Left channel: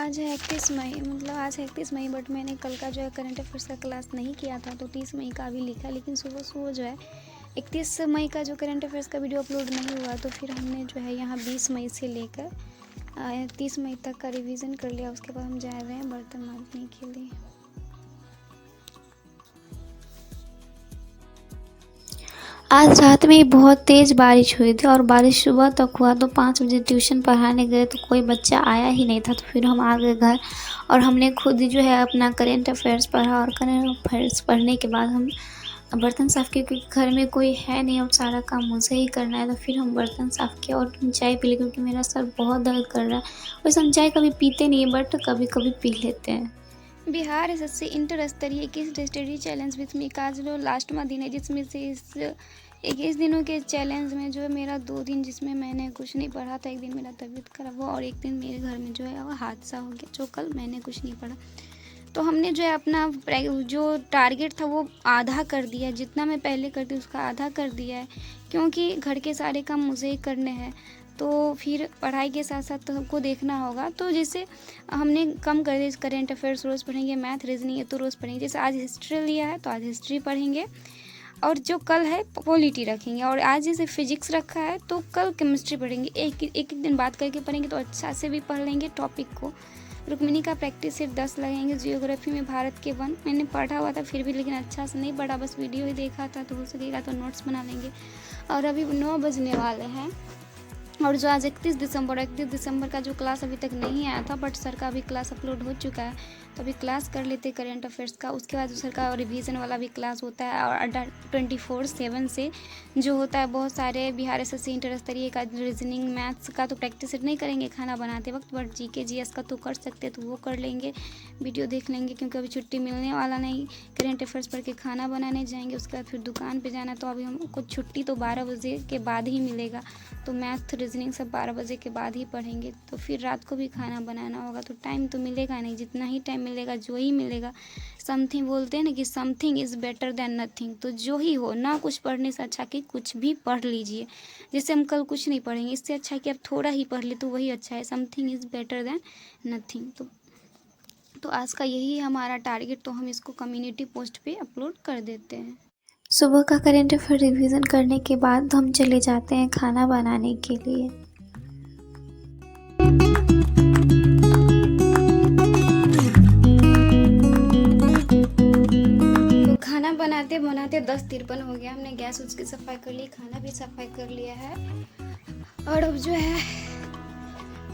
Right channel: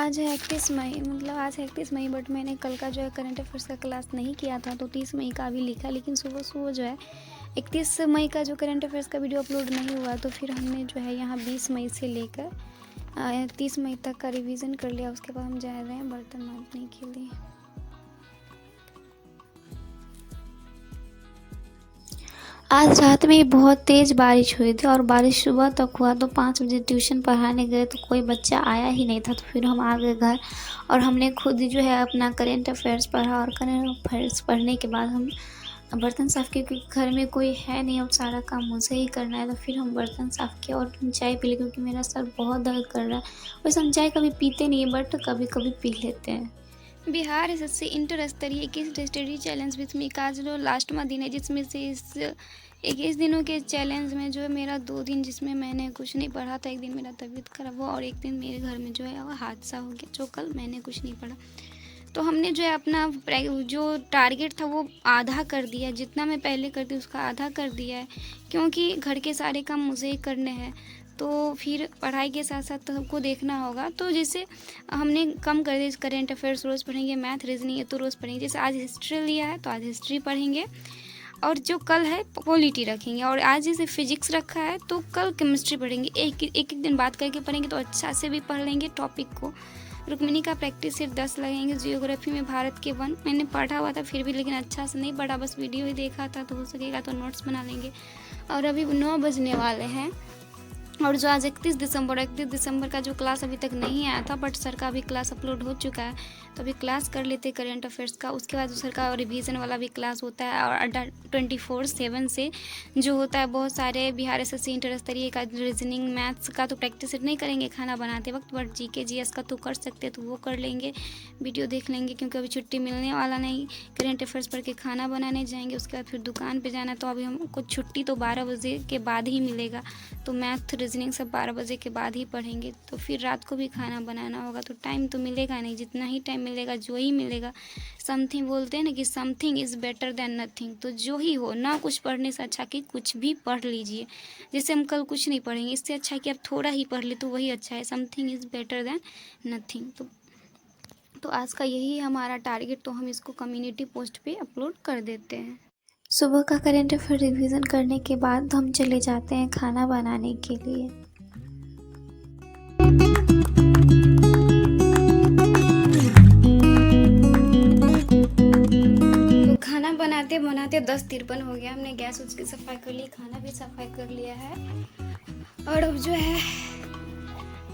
आज है 31 मई, मतलब आज है 31 मई, बट मैंने कल का जो है करंट अफेयर्स का क्लास नहीं किया था, तो 30 मई का भी लिखा, लेकिन सुबह सुबह जो है 31 मई का जो करंट अफेयर्स का वीडियो अपलोड नहीं हुआ, तो फिर हमने जो है यहाँ 20 मई से लेकर 30 मई तक का रिवीजन कर लिया। उसके बाद हम जा रहे हैं बर्तन मांजने के लिए। आज रात में बहुत तेज़ बारिश हुई थी और बारिश सुबह तक हुआ, तो 5 बजे ट्यूशन पढ़ाने गए तो कोई बच्चा आया ही नहीं था। तो फिर हम आ गए घर और हमने खुद जो है अपना करंट अफेयर्स पढ़ा, और करंट अफेयर्स पढ़ने के बाद हम बर्तन साफ़ किए, क्योंकि घर में कोई है नहीं और सारा काम मुझे ही करना है। तो फिर हम बर्तन साफ़ किया और चाय पी ली, क्योंकि मेरा सर बहुत दर्द कर रहा है। वैसे हम चाय कभी पीते नहीं है, बट कभी कभी पी लेते हैं। बिहार एसएससी इंटर स्तरीय 21 स्टडी चैलेंज में आज जो लास्टवा दिन है, जिसमें से इस 21 दिनों के चैलेंज में जो है मेरा 2 दिन जिसमें मैंने कुछ नहीं पढ़ा था। एक दिन मेरा तबीयत खराब हुआ और एक दिन मेरे घर में जो है वो हादसा हो गया, जो कल मैंने कुछ नहीं पढ़ा। तो हमने जो है अपना जो टारगेट था वो आधा कर दिया, जितना मैं पहले करती उसका आधा कर दिया है, क्योंकि घर के सारे काम मुझे ही करने हैं। तो फिर पढ़ाई के साथ साथ तो हमको देखना होगा, तो जैसे हमने कम कर दिया। करंट अफेयर्स रोज़ पढ़ेंगे, मैथ रीजनिंग है तो रोज़ पढ़ेंगे। जैसे आज हिस्ट्री लिया है तो आज हिस्ट्री पढ़ेंगे, और जो कल है पॉलिटी रखेंगे, और आज जैसे फिजिक्स रखा है तो कल केमिस्ट्री पढ़ेंगे। एक दिन बात करके पढ़ेंगे तो अच्छा से भी पढ़ लेंगे टॉपिक को। रुक्मिणी का प्रैक्टिस सिर्फ 10 लगेंगे। जियोग्राफी में भारत के वन मैंने पढ़ा हुआ था फिर भी, लेकिन अच्छा से नहीं पढ़ा, बस वीडियो ही देखा था, तो हो सकेगा तो नोट्स बना लेंगे। और अभी 9 बजने वाले हैं, और जो आज 31 दिसंबर का जो क्लास अभी तक नहीं आया था, बट सर का अभी क्लास अपलोड हो चुका है, तो अभी क्लास कर लेते करंट अफेयर्स का। उसके बाद सर का रिवीजन वाला भी क्लास होता है, और 24/7 से जो होता है बहुत सारे बिहार एसएससी इंटर स्तरीय का रीजनिंग मैथ्स का तो प्रैक्टिस नहीं करेंगे खाना बनाते वक्त, बट जीके जीएस का तो कर सकते हैं, तो वो कर लेंगे, वीडियो देख लेंगे, क्योंकि अभी छुट्टी मिलने वाला नहीं। करंट अफेयर्स पढ़ के खाना बनाने जाएंगे, उसके बाद फिर दुकान पर जाना, तो अभी हमको छुट्टी तो 12 बजे के बाद ही मिलेगा, तो मैथ रीजनिंग सब 12 बजे के बाद ही पढ़ेंगे। तो फिर रात को भी खाना बनाना होगा, तो टाइम तो मिलेगा नहीं, जितना ही टाइम मिलेगा जो ही मिलेगा। समथिंग बोलते हैं ना कि something is better than nothing, तो जो ही हो ना, कुछ पढ़ने से अच्छा कि कुछ भी पढ़ लीजिए। जैसे हम कल कुछ नहीं पढ़ेंगे, इससे अच्छा कि आप थोड़ा ही पढ़ ले तो वही अच्छा है। Something is better than nothing. तो आज का यही है हमारा टारगेट, तो हम इसको कम्युनिटी पोस्ट पे अपलोड कर देते हैं। सुबह का करंट अफेयर रिवीजन करने के बाद हम चले जाते हैं खाना बनाने के लिए। तो खाना बनाते बनाते 10:53 हो गया। हमने गैस उसकी सफाई कर ली, खाना भी सफाई कर लिया है, और अब जो है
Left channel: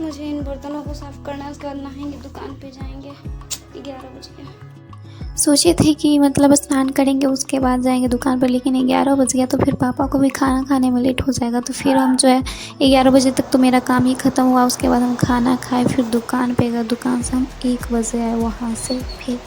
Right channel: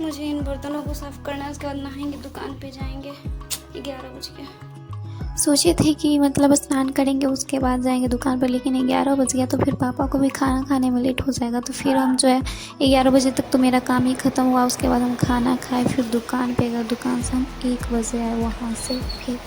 मुझे इन बर्तनों को साफ करना है। उसके बाद नहाएंगे, दुकान पे जाएंगे। 11 बज गया। सोचे थे कि मतलब स्नान करेंगे उसके बाद जाएंगे दुकान पर, लेकिन 11 बज गया, तो फिर पापा को भी खाना खाने में लेट हो जाएगा। तो फिर हम जो है 11 बजे तक तो मेरा काम ही ख़त्म हुआ। उसके बाद हम खाना खाए, फिर दुकान पे गए, दुकान से हम 1 बजे आए वहाँ से। फिर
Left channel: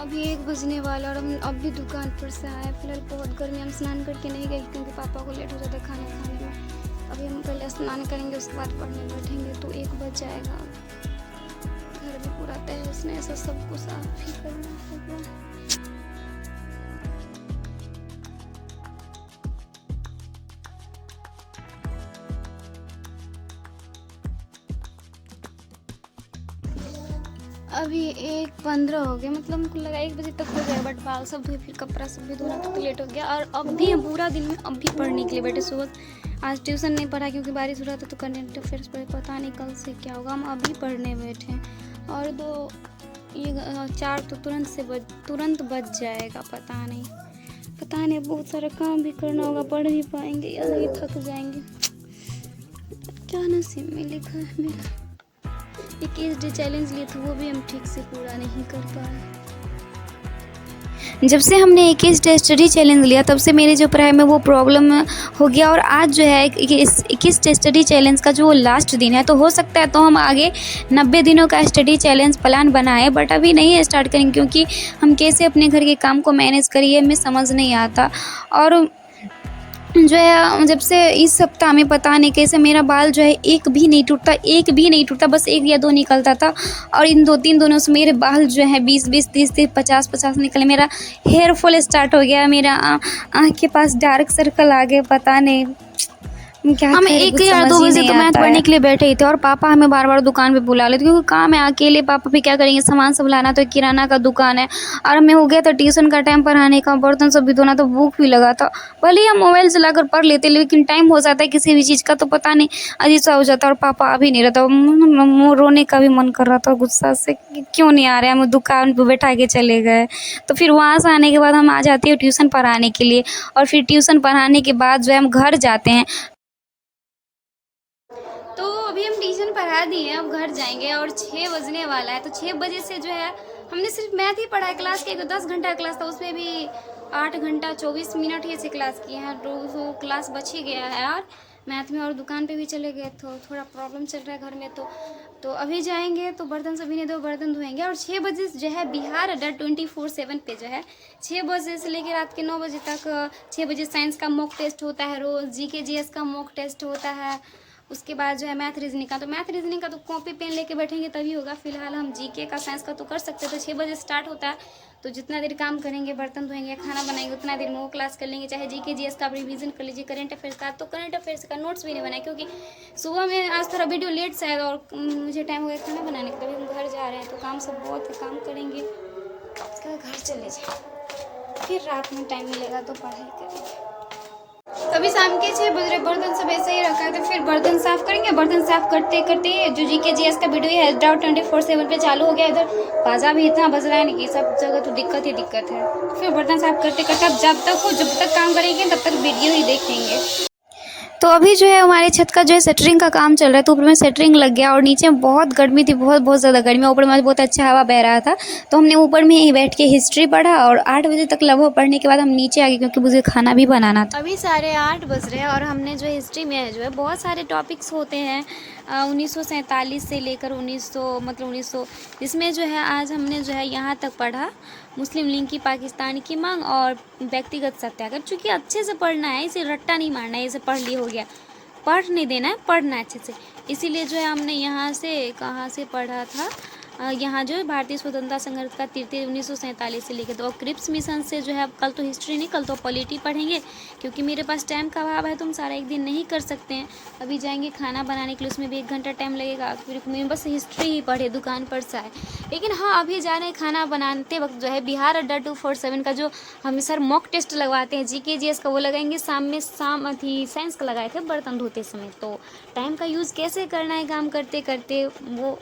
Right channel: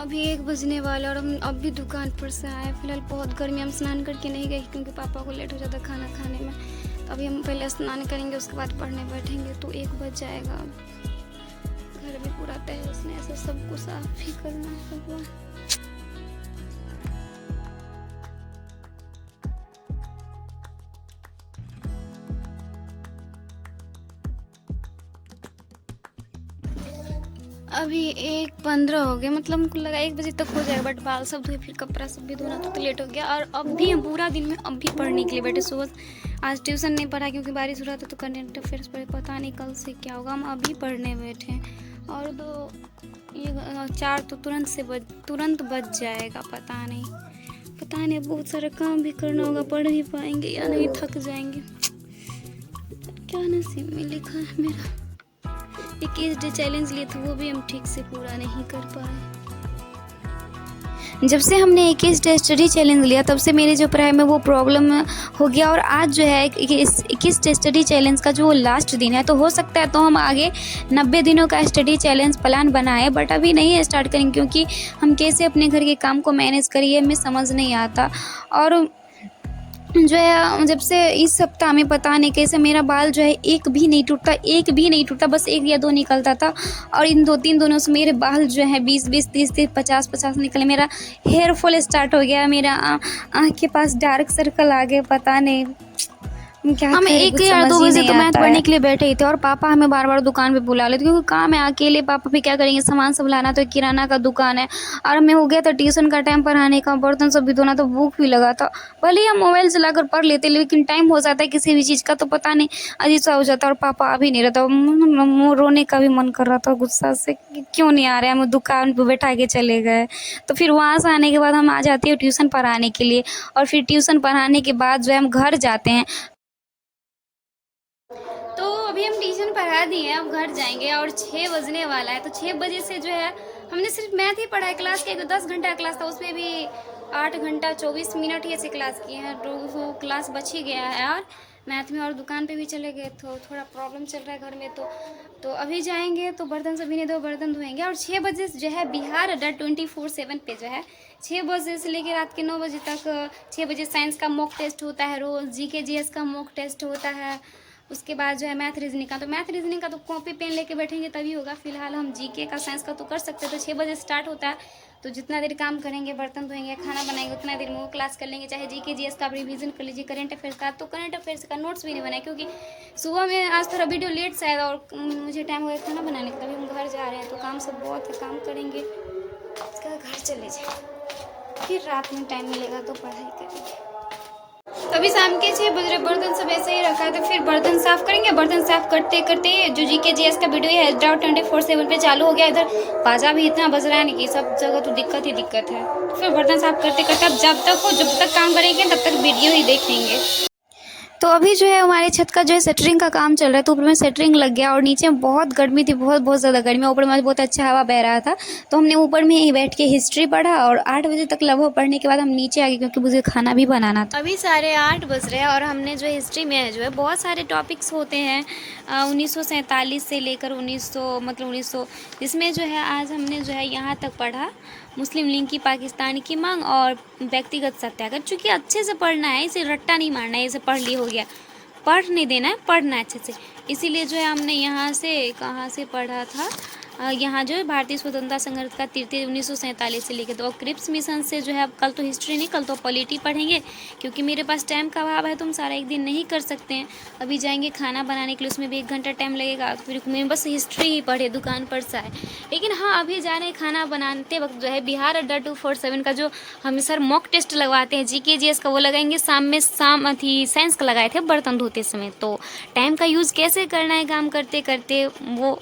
अभी 1 बजने वाला, और हम अब भी दुकान पर से आए। फिलहाल बहुत गर्मी, हम स्नान करके नहीं गए क्योंकि पापा को लेट हो जाता खाना खाने में। अभी हम पहले स्नान करेंगे, उसके बाद पढ़ने बैठेंगे, तो 1 बज जाएगा। घर भी पूरा तहस नहस, ऐसा सबको साफ ही करना होगा। अभी 1:15 हो गया, मतलब हमको लगा 1 बजे तक हो जाएगा, बट बाल सब धोए, फिर कपड़ा सब भी धोना, तो लेट हो गया। और अब भी हम पूरा दिन में अब भी पढ़ने के लिए बैठे। सुबह आज ट्यूशन नहीं पढ़ा क्योंकि बारिश हो रहा था, तो करंट अफेयर्स पढ़े, पता नहीं कल से क्या होगा। हम अभी पढ़ने बैठे हैं, और 4 तो तुरंत बज जाएगा। पता नहीं, बहुत सारा काम भी करना होगा। पढ़ भी पाएंगे या नहीं, थक जाएंगे। क्या नसीब में लिखा है मेरा। 21 डे चैलेंज लिए थे, वो भी हम ठीक से पूरा नहीं कर पाए। जब से हमने 21 डे स्टडी चैलेंज लिया, तब से मेरे जो पढ़ाई में वो प्रॉब्लम हो गया। और आज जो है 21 डे स्टडी चैलेंज का जो लास्ट दिन है, तो हो सकता है तो हम आगे 90 दिनों का स्टडी चैलेंज प्लान बनाए, बट अभी नहीं स्टार्ट करेंगे, क्योंकि हम कैसे अपने घर के काम को मैनेज करिए हमें समझ नहीं आता। और जो है जब से इस सप्ताह में पता नहीं कैसे मेरा बाल जो है एक भी नहीं टूटता, बस 1 या 2 निकलता था। और इन 2-3 दिनों से मेरे बाल जो है 20-20, 30-30, 50-50 निकले। मेरा हेयर फॉल स्टार्ट हो गया, मेरा आँख के पास डार्क सर्कल आ गए, पता नहीं क्या हम करें, 1 कुछ या 2 समझ ही बजे नहीं तो मैथ आता पढ़ने है। के लिए बैठे ही थे और पापा हमें बार-बार दुकान पे बुला लेते क्योंकि काम है, अकेले पापा भी क्या करेंगे, सामान सब लाना, तो किराना का दुकान है। और हमें हो गया था ट्यूशन का टाइम, पढ़ाने का, बर्तन सब भी धोना, तो भूख भी लगा था। भले ही हम मोबाइल चलाकर पढ़ लेते लेकिन टाइम हो जाता है किसी भी चीज़ का तो पता नहीं अजीब सा हो जाता है। और पापा आ भी नहीं रहता, रोने का भी मन कर रहा था गुस्सा से कि क्यों नहीं आ रहे, हम दुकान पे बैठा के चले गए। तो फिर वहाँ से आने के बाद हम आ जाते हैं ट्यूशन पढ़ाने के लिए, और फिर ट्यूशन पढ़ाने के बाद जो है हम घर जाते हैं। तो अभी हम ट्यूशन पढ़ा दिए हैं, अब घर जाएंगे और 6 बजने वाला है। तो 6 बजे से जो है हमने सिर्फ मैथ ही पढ़ा है क्लास के, 10 घंटा क्लास था, उसमें भी 8 घंटा 24 मिनट ही ऐसे क्लास किए हैं। तो क्लास बच ही गया है यार मैथ में। और दुकान पे भी चले गए तो थोड़ा प्रॉब्लम चल रहा है घर में। तो अभी जाएंगे तो बर्तन सभी ने 2 बर्तन धोएंगे। और 6 बजे जो है बिहार अड्डा 24/7 पे जो है 6 बजे से लेकर रात के 9 बजे तक 6 बजे साइंस का मॉक टेस्ट होता है, रोज़ जीके जीएस का मॉक टेस्ट होता है। उसके बाद जो है मैथ रीजनिंग का, तो मैथ रीजनिंग का तो कॉपी पेन लेके बैठेंगे तभी होगा। फिलहाल हम जीके का साइंस का तो कर सकते हैं। तो 6 बजे स्टार्ट होता है, तो जितना देर काम करेंगे, बर्तन धोएंगे, खाना बनाएंगे, उतना देर में वो क्लास कर लेंगे। चाहे जीके जीएस का आप रिवीजन कर लीजिए, करंट अफेयर्स का तो करंट अफेयर्स का नोट्स भी नहीं बनाए क्योंकि सुबह में आज थोड़ा वीडियो लेट से आया और मुझे टाइम हो गया खाना बनाने का, तभी हम घर जा रहे हैं। तो काम सब बहुत है, काम करेंगे, उसके बाद घर चले जाए, फिर रात में टाइम मिलेगा तो पढ़ाई करेंगे। तो अभी शाम के 6 बज रहे, बर्तन सब ऐसे ही रखा है, तो फिर बर्तन साफ करेंगे। बर्तन साफ करते करते जो जीके जीएस का वीडियो है डाउट 24/7 पे चालू हो गया। इधर बाजा भी इतना बज रहा है नहीं कि सब जगह तो दिक्कत ही दिक्कत है। फिर बर्तन साफ करते करते अब जब तक काम करेंगे तब तक वीडियो ही देखेंगे। तो अभी जो है हमारे छत का जो है शटरिंग का काम चल रहा है, तो ऊपर में शटरिंग लग गया और नीचे में बहुत गर्मी थी, बहुत ज़्यादा गर्मी। ऊपर में बहुत अच्छा हवा बह रहा था, तो हमने ऊपर में ही बैठ के हिस्ट्री पढ़ा और 8 बजे तक लगभग पढ़ने के बाद हम नीचे आ गए क्योंकि मुझे खाना भी बनाना था। अभी 8:30 बज रहे हैं और हमने जो हिस्ट्री में जो है बहुत सारे टॉपिक्स होते हैं 1947 से लेकर 1900 जिसमें जो है आज हमने जो है यहाँ तक पढ़ा मुस्लिम लीग की पाकिस्तान की मांग और व्यक्तिगत सत्याग्रह। चूँकि अच्छे से पढ़ना है, इसे रट्टा नहीं मारना है, इसे पढ़ ली हो गया, पढ़ नहीं देना है, पढ़ना है अच्छे से। इसीलिए जो है हमने यहाँ से कहाँ से पढ़ा था, यहाँ जो है भारतीय स्वतंत्रता संघर्ष का 1947 से लेकर। तो अब क्रिप्स मिशन से जो है अब कल तो हिस्ट्री नहीं, कल तो पॉलिटी पढ़ेंगे क्योंकि मेरे पास टाइम का अभाव है, तो हम सारा एक दिन नहीं कर सकते हैं। अभी जाएंगे खाना बनाने के लिए, उसमें भी 1 घंटा टाइम लगेगा, फिर मैं बस हिस्ट्री ही पढ़े, दुकान पर से आए। लेकिन हाँ, अभी जा रहे हैं खाना बनाते वक्त जो है बिहार अड्डा 247 का जो हम सर मॉक टेस्ट लगवाते हैं जीके जीएस का, वो लगाएंगे शाम अथी साइंस का लगाए थे बर्तन धोते समय। तो टाइम का यूज़ कैसे करना है काम करते करते, वो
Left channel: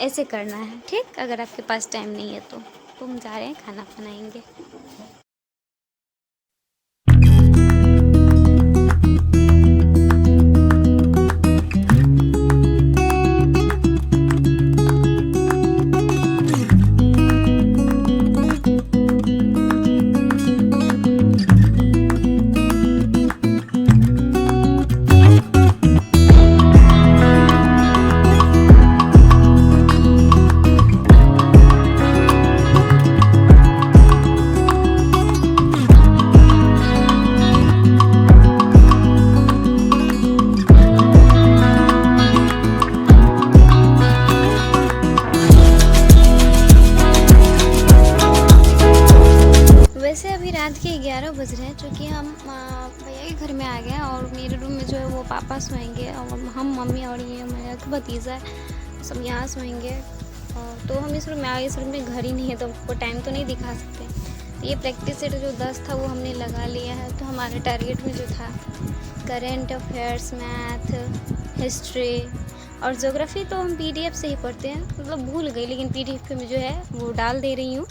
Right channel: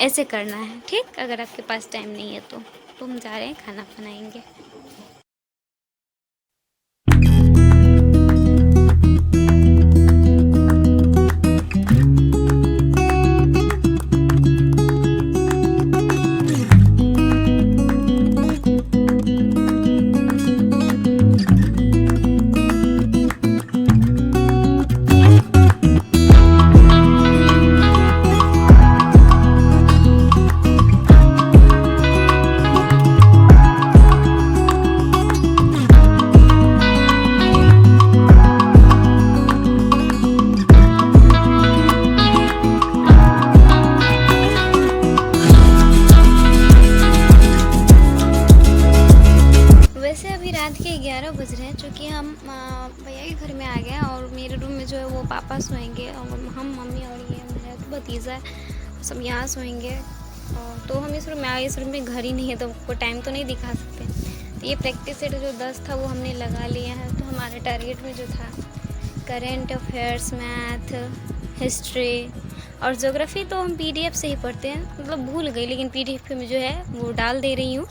ऐसे करना है, ठीक। अगर आपके पास टाइम नहीं है तो हम जा रहे हैं खाना बनाएंगे। वैसे अभी रात के 11 बज रहे हैं, चूँकि हम भैया के घर में आ गए हैं और मेरे रूम में जो है वो पापा सोएंगे और हम मम्मी और ये मेरा तो भतीजा है, सब यहाँ सोएंगे। और तो हम इस रूम में आए, इस रूम में घर ही नहीं है तो हमको टाइम तो नहीं दिखा सकते। तो ये प्रैक्टिस सेट जो 10 था वो हमने लगा लिया है। तो हमारे टारगेट में जो था करेंट अफेयर्स, मैथ, हिस्ट्री और ज्योग्राफी तो हम PDF से ही पढ़ते हैं, मतलब भूल गई, लेकिन PDF में जो है वो डाल दे रही हूँ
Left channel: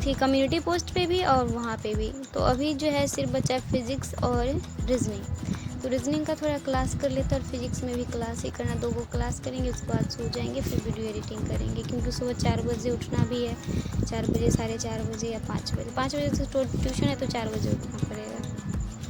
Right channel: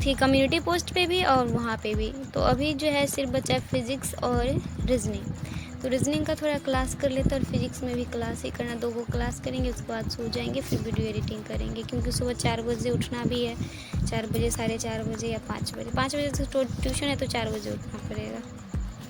थी कम्युनिटी पोस्ट पे भी और वहाँ पे भी। तो अभी जो है सिर्फ बचा फिज़िक्स और रीजनिंग। तो रीजनिंग का थोड़ा क्लास कर लेते और फिज़िक्स में भी क्लास ही करना, 2 को क्लास करेंगे, उसके बाद सो जाएंगे, फिर वीडियो एडिटिंग करेंगे क्योंकि सुबह 4 बजे उठना भी है। 4 बजे, 4:30 बजे या 5 बजे, 5 बजे से ट्यूशन है तो 4 बजे उठना पड़ेगा।